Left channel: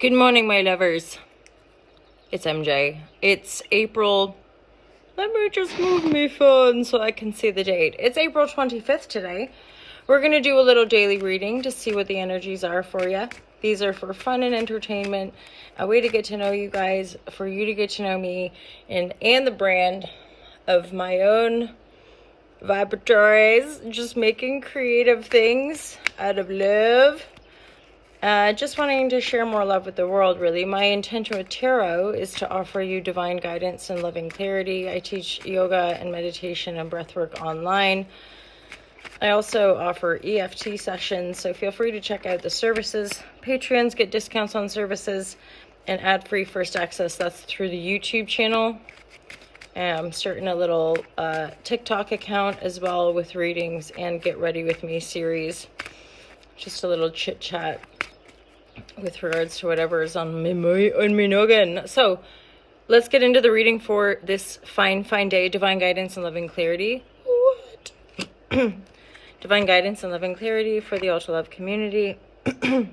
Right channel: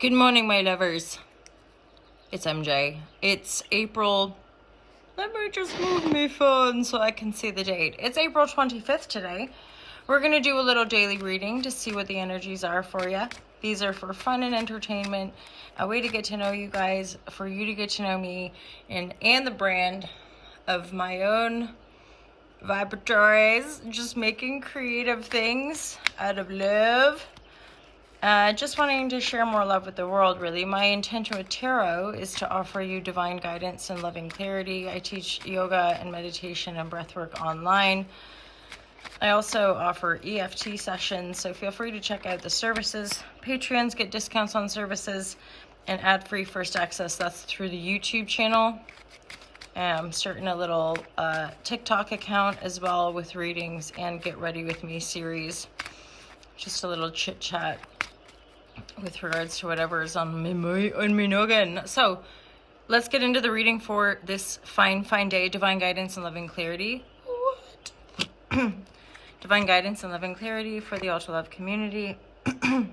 Good morning, my lovers. It's MJ. It's April. Let me just move my phone so I can see the date. It's April 25th today. We're going to do a little daily reading to see what the energies are for you. These are for fun and entertainment, a way to get to know you guys, for you to get to know me, and the brand of my own vibratories, just making creative things out of love. Just wanting to share more love with the world, really. My intention with tarot is to offer you divine guidance and loving clarity. I teach yoga and meditation and breathwork online. I also offer EFT sessions, so feel free to check out the services. Patreons get discounts on services and ad-free first access. That's through the YouTube channel. I'm starting a little TikTok account as well with readings and Get Ready With Me series. Just a little chit-chat with regards to whatever is on my noggin. So let's get into the reading for this fine day. Divine guidance and loving clarity. What? Divine guidance and loving clarity for the Ultra Love community. I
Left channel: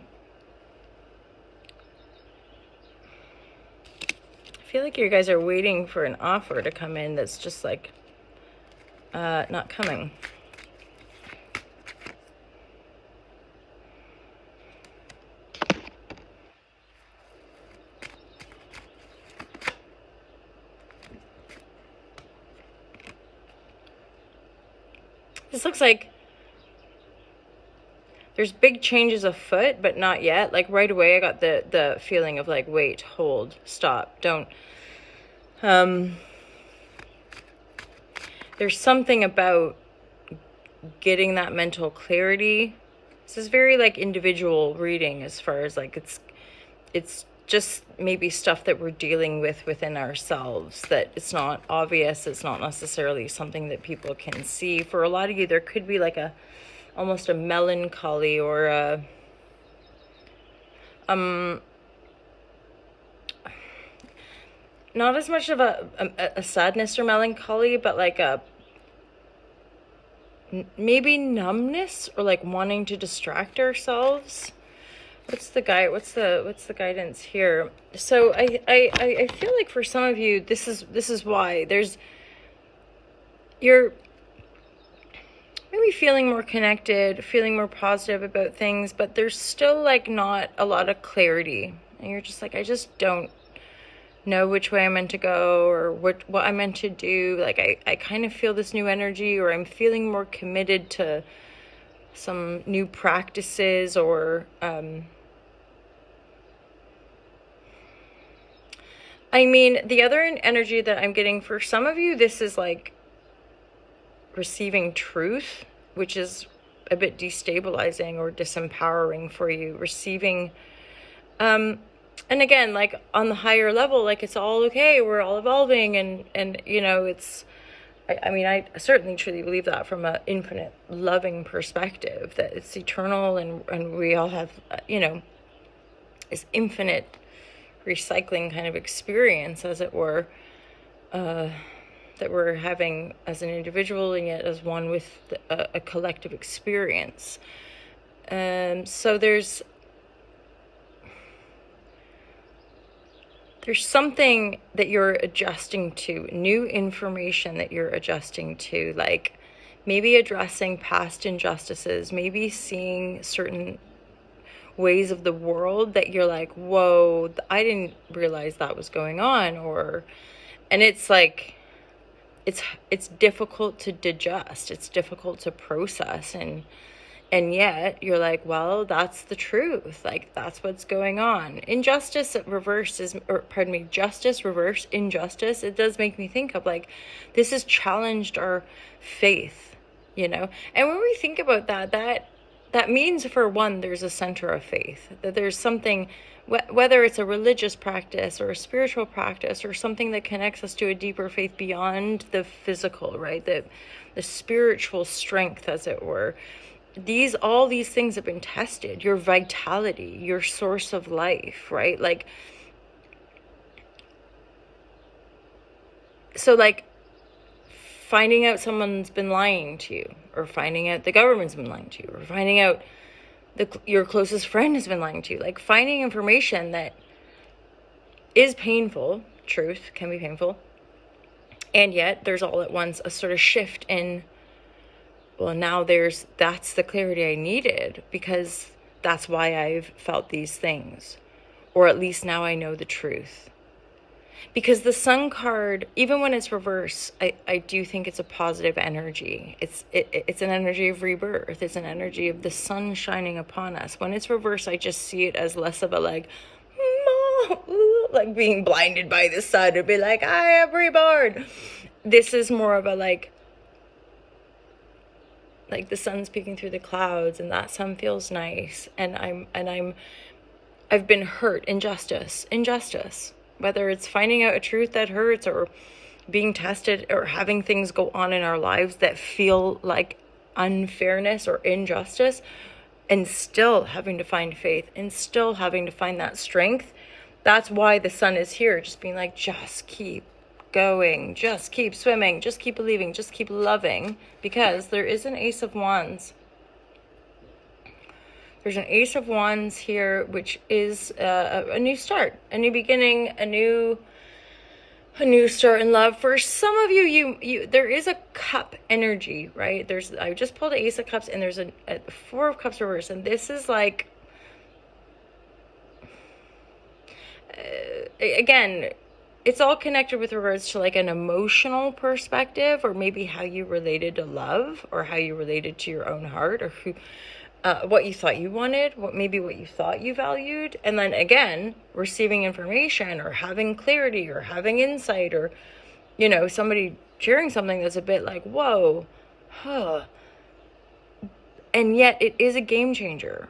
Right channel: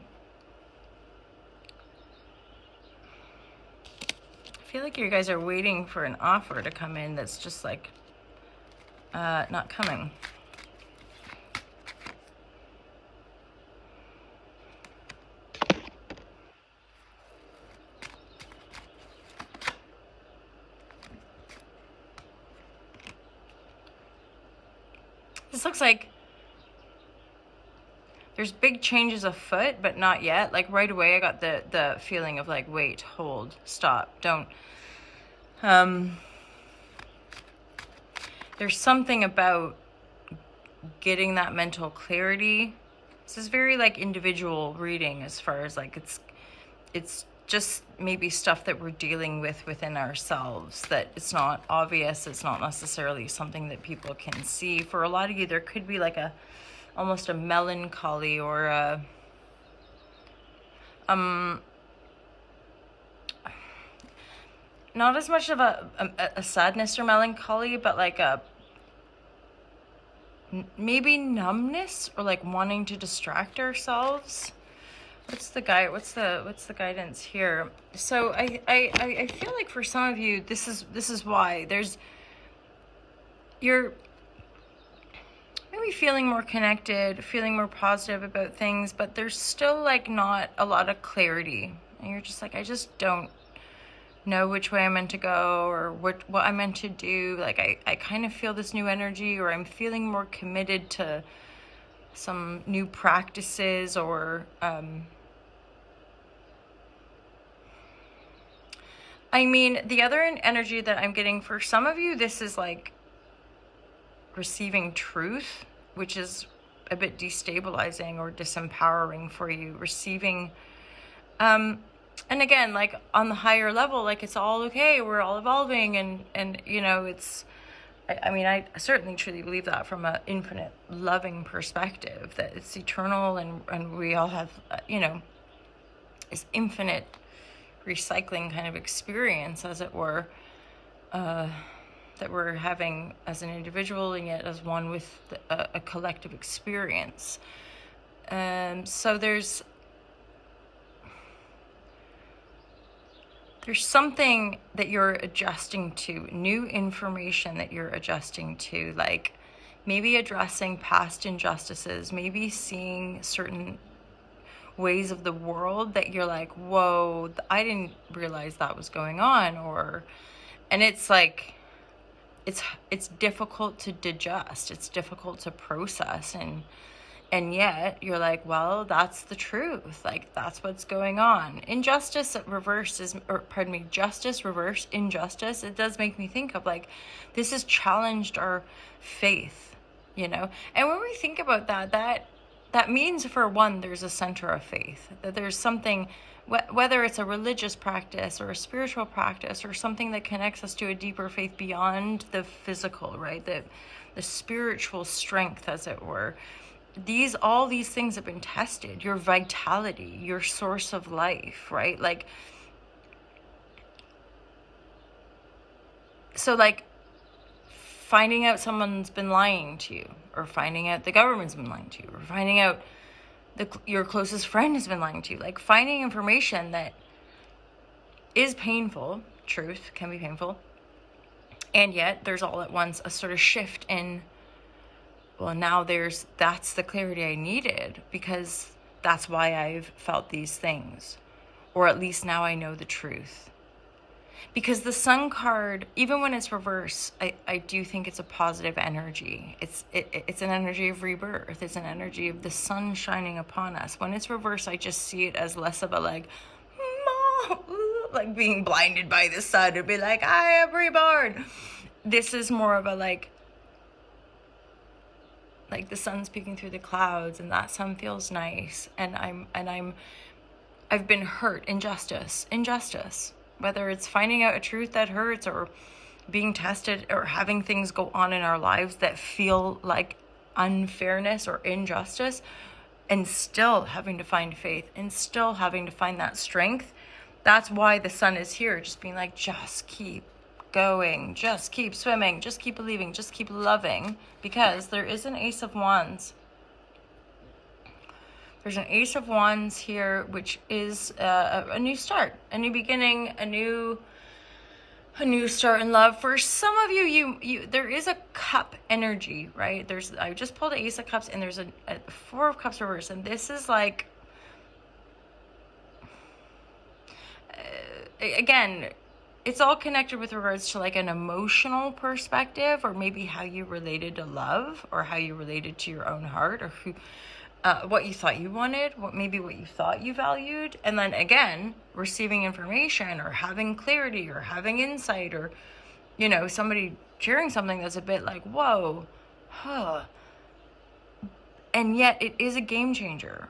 feel like you guys are waiting for an offer to come in that's just like not coming. This looks like there's big changes afoot, but not yet. Like right away, I got the feeling of like, wait, hold, stop, don't. There's something about getting that mental clarity. This is very like individual reading as far as like it's just maybe stuff that we're dealing with within ourselves, that it's not obvious, it's not necessarily something that people can see. For a lot of you, there could be like almost a melancholy or a not as much of a sadness or melancholy, but like a maybe numbness or like wanting to distract ourselves. What's the guidance here? So I feel like for some of you, this is why you're maybe feeling more connected, feeling more positive about things, but there's still like not a lot of clarity, and you're just like, I just don't know which way I'm meant to go or what I'm meant to do. Like I kind of feel this new energy, or I'm feeling more committed to some new practices, or I mean, the other energy that I'm getting for some of you, this is like receiving truth, which is a bit destabilizing or disempowering for you. Receiving, and again, like on the higher level, like it's all okay, we're all evolving, and you know, it's, I mean, I certainly truly believe that from an infinite loving perspective, that it's eternal, and we all have, you know, this infinite recycling kind of experience, as it were, that we're having as an individual and yet as one with a collective experience. So there's something that you're adjusting to, new information that you're adjusting to, like maybe addressing past injustices, maybe seeing certain ways of the world that you're like, whoa, I didn't realize that was going on, and it's like, it's difficult to digest, it's difficult to process, and yet you're like, well, that's the truth, like that's what's going on. Justice reverse, injustice, it does make me think of like, this has challenged our faith, you know. And when we think about that means, for one, there's a center of faith, that there's something, whether it's a religious practice or a spiritual practice or something that connects us to a deeper faith beyond the physical, right? The spiritual strength, as it were. All these things have been tested. Your vitality, your source of life, right? Like, so like finding out someone's been lying to you, or finding out the government's been lying to you, or finding out your closest friend has been lying to you. Like finding information that is painful. Truth can be painful. And yet there's all at once a sort of shift in, well, now that's the clarity I needed, because that's why I've felt these things. Or at least now I know the truth. Because the Sun card, even when it's reverse, I do think it's a positive energy. It's an energy of rebirth. It's an energy of the sun shining upon us. When it's reverse, I just see it as less of a like being blinded by the sun to be like, I am reborn. This is more of a like the sun's peeking through the clouds, and that sun feels nice, and I've been hurt. Injustice, whether it's finding out a truth that hurts, or being tested, or having things go on in our lives that feel like unfairness or injustice, and still having to find faith, and still having to find that strength. That's why the sun is here, just being like, just keep going, just keep swimming, just keep believing, just keep loving, because there is an Ace of Wands. There's an Ace of Wands here, which is a new start, a new beginning, a new start in love. For some of you, there is a cup energy, right? I just pulled the Ace of Cups, and there's a Four of Cups reverse, and this is like, again, it's all connected with regards to like an emotional perspective, or maybe how you related to love, or how you related to your own heart, or what you thought you wanted, what you thought you valued. And then again, receiving information, or having clarity, or having insight, or, somebody sharing something that's a bit like, whoa, and yet it is a game changer.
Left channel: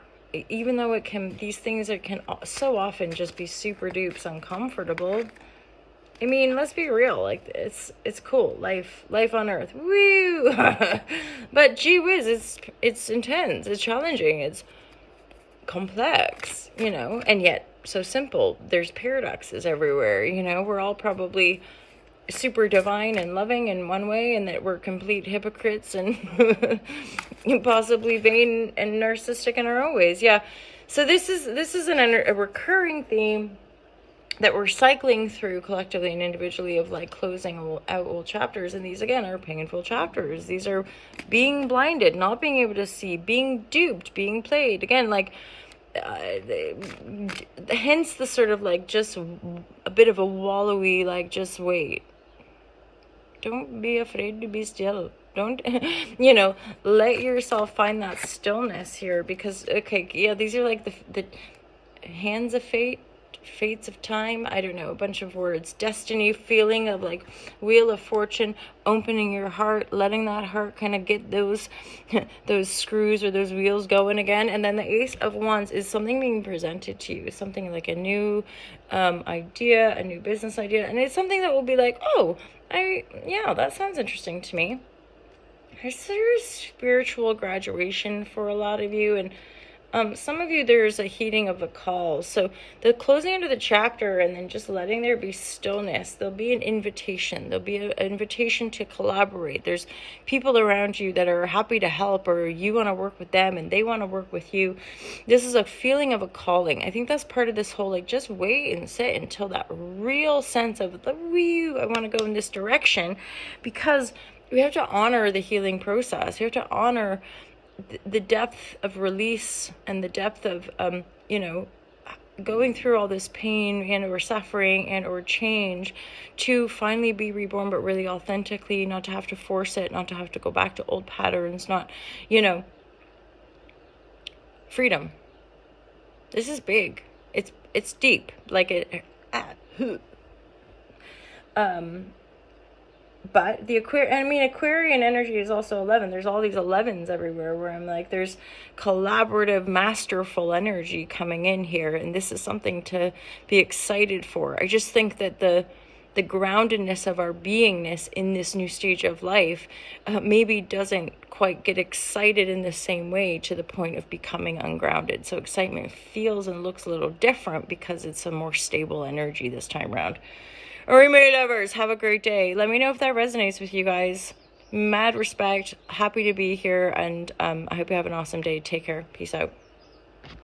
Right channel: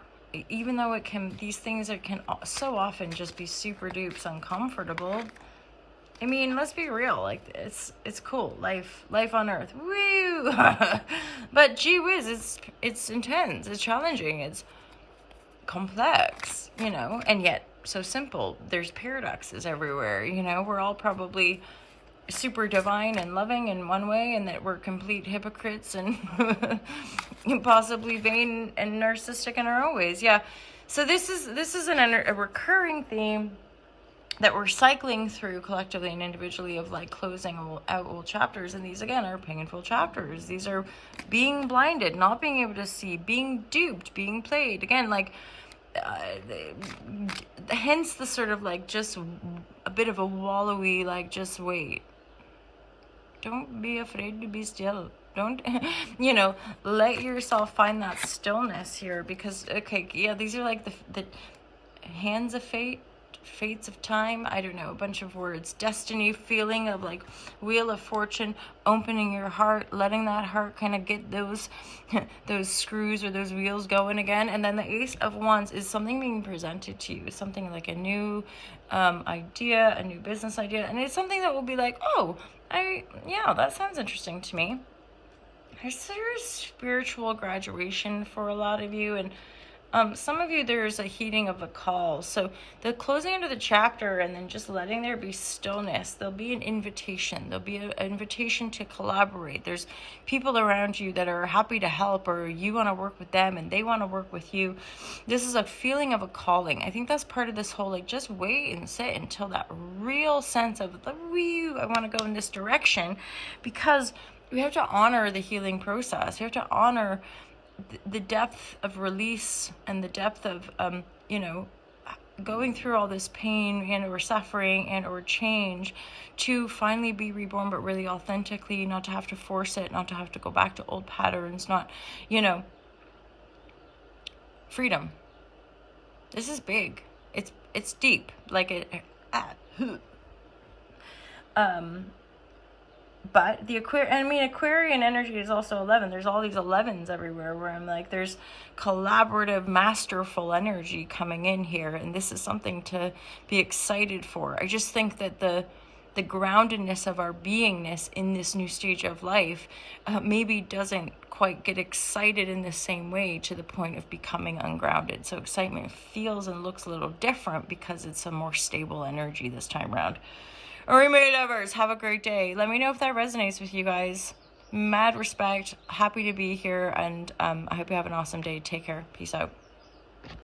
Even though these things can so often just be super dupes uncomfortable. I mean, let's be real. Like, it's cool. Life on Earth. Woo! But gee whiz, it's intense. It's challenging. It's complex, and yet so simple. There's paradoxes everywhere. We're all probably super divine and loving in one way, and that we're complete hypocrites and possibly vain and narcissistic in our own ways. Yeah. So this is a recurring theme that we're cycling through collectively and individually, of like closing out old chapters. And these again are painful chapters. These are being blinded, not being able to see, being duped, being played again, like hence the sort of like just a bit of a wallowy, like, just wait, don't be afraid to be still. Don't, let yourself find that stillness here, because, okay, yeah, these are like the hands of fate, fates of time, I don't know, a bunch of words, destiny, feeling of like wheel of fortune, opening your heart, letting that heart kind of get those screws or those wheels going again. And then the Ace of Wands is something being presented to you, something like a new idea, a new business idea, and it's something that will be like, oh, that sounds interesting to me. There's spiritual graduation for a lot of you, and some of you, there's a heeding of a call. So the closing into the chapter, and then just letting there be stillness. There'll be an invitation. There'll be an invitation to collaborate. There's people around you that are happy to help, or you want to work with them and they want to work with you. This is a feeling of a calling. I think that's part of this whole, like, just wait and sit until that real sense of, I want to go in this direction, because we have to honor the healing process. We have to honor the depth of release, and the depth of going through all this pain and or suffering and or change, to finally be reborn, but really authentically, not to have to force it, not to have to go back to old patterns, not, freedom. This is big. It's deep, like but the Aquarian energy is also 11. There's all these 11s everywhere, where I'm like, there's collaborative, masterful energy coming in here. And this is something to be excited for. I just think that the groundedness of our beingness in this new stage of life maybe doesn't quite get excited in the same way, to the point of becoming ungrounded. So excitement feels and looks a little different, because it's a more stable energy this time around. Alright, my lovers, have a great day. Let me know if that resonates with you guys. Mad respect. Happy to be here, and I hope you have an awesome day. Take care. Peace out.